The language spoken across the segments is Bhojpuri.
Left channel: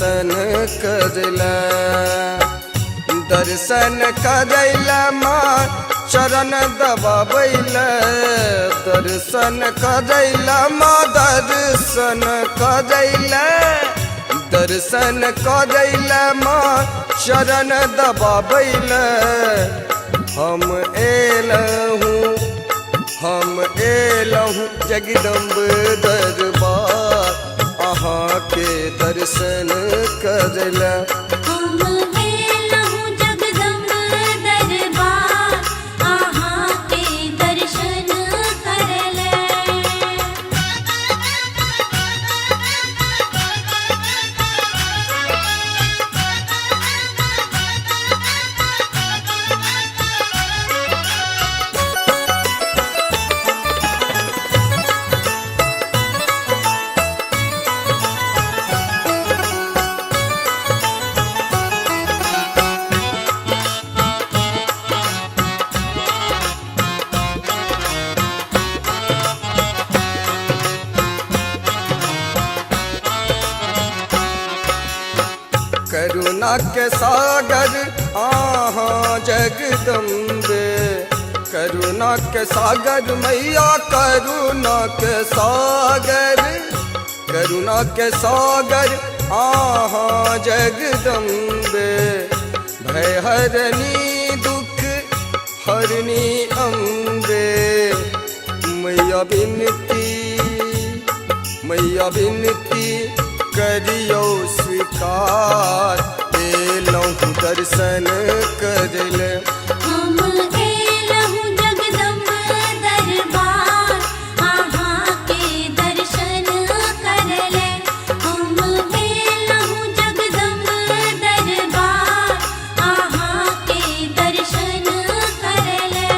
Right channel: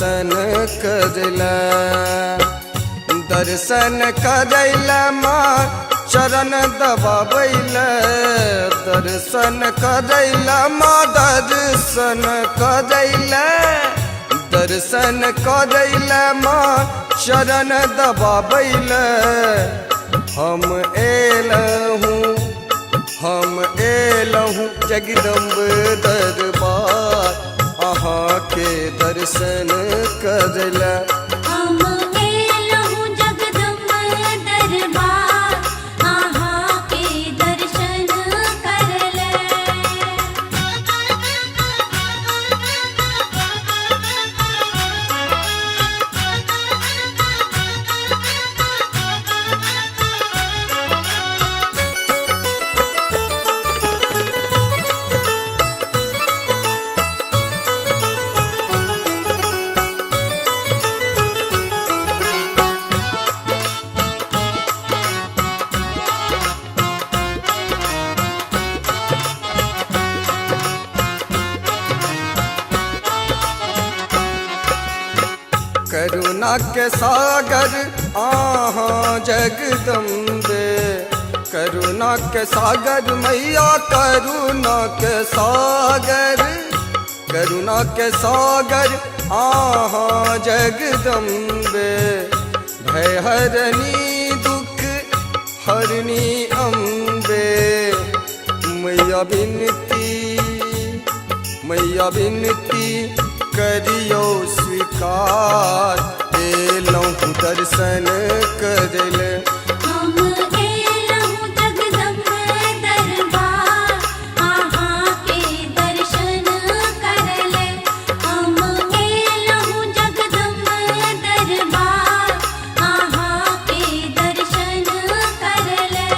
दर्शन करला दर्शन करैला माँ चरण दबाबैला दर्शन करैला माँ दर्शन करैला दर्शन करैला माँ चरण दबाबैला हम एलहूँ जगदम्ब दरबार अहाँ के दर्शन करला करुणा के सागर आहाँ जगदम्बे करुणा के सागर मैया करुणा के सागर आहाँ जगदम्बे भय हरणी दुख हरणी अम्बे मैया बिनती करियो स्वीकार एलहूँ दर्शन करले हम एलहूँ जगदम्ब दरबार आहाँ के दर्शन करले हम एलहूँ जगदम्ब दरबार आहाँ के दर्शन करले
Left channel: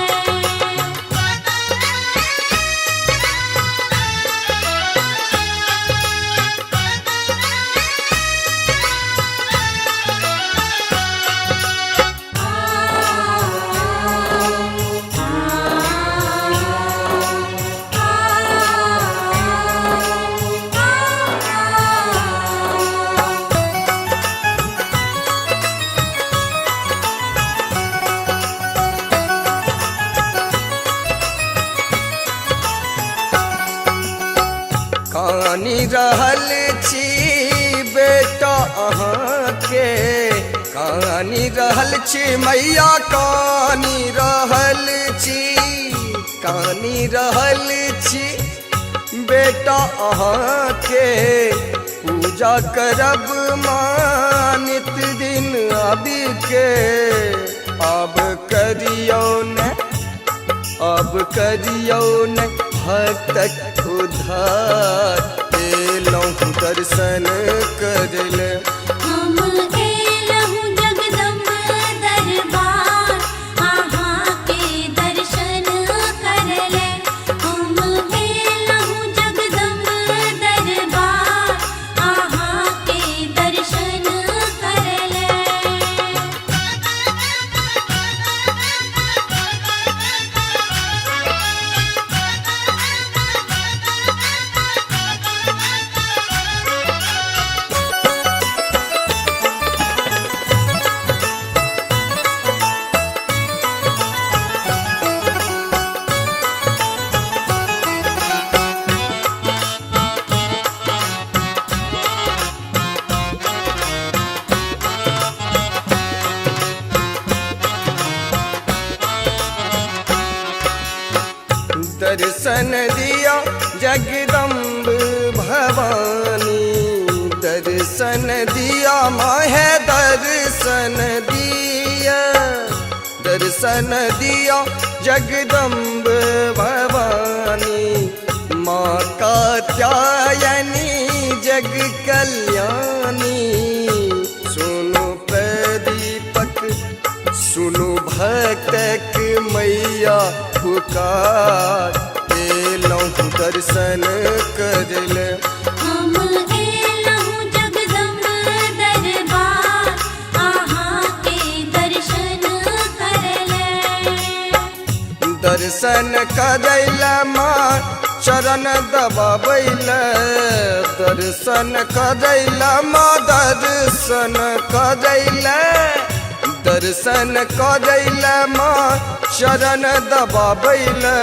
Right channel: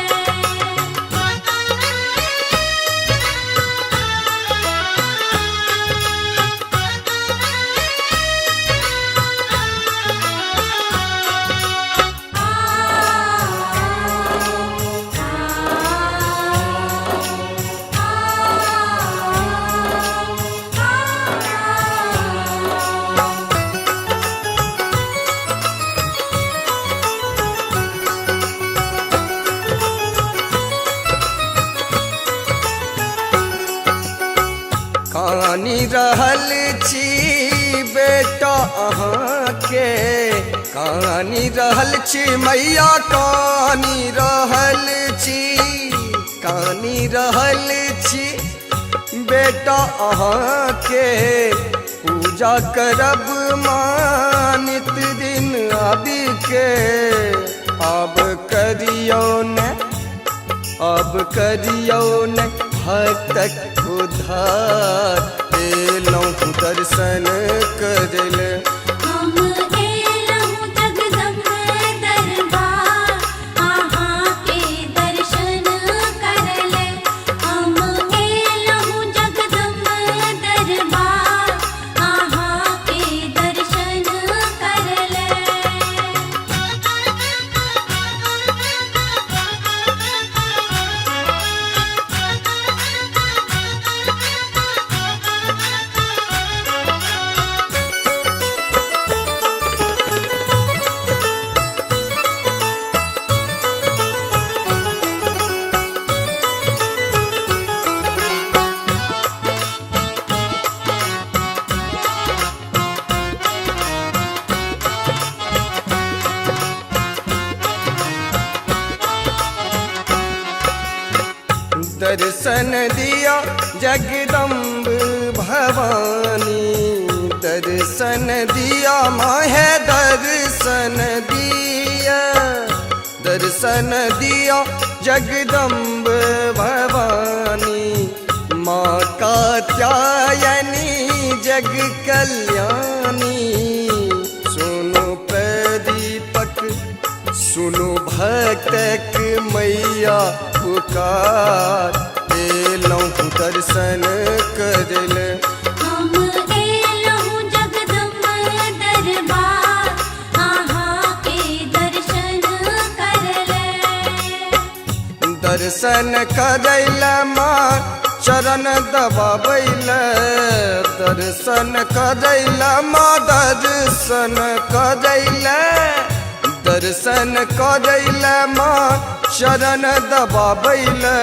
कानी रहल छी बेटा अहाँ के कानी रहल छी मैया कानी रहल छी बेटा अहाँ के पूजा करब माँ नित दिन आबि के अब करियो न भक्तक उद्धार एलहूँ दर्शन करले हम एलहूँ जगदम्ब दरबार आहाँ के दर्शन करले हम एलहूँ जगदम्ब दरबार आहाँ के दर्शन करले दर्शन दिया जगदम्ब भवानी दर्शन दिया माहे दर्शन दिया जगदम्ब भवानी माँ कात्यायनी जग कल्याणी सुनो प्रदीपक सुनो भक्तक मैया पुकार एलहूँ दर्शन करले हम एलहूँ जगदम्ब दरबार आहाँ के दर्शन करले दर्शन करैला माँ चरण दबाबैला दर्शन करैला माँ दर्शन करैला माँ शरण दबाबैला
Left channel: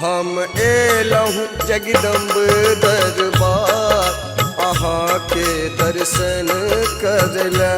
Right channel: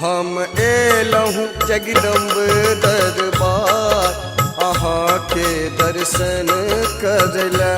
हम एलहूँ जगदम्ब दरबार अहाँ के दर्शन करैला।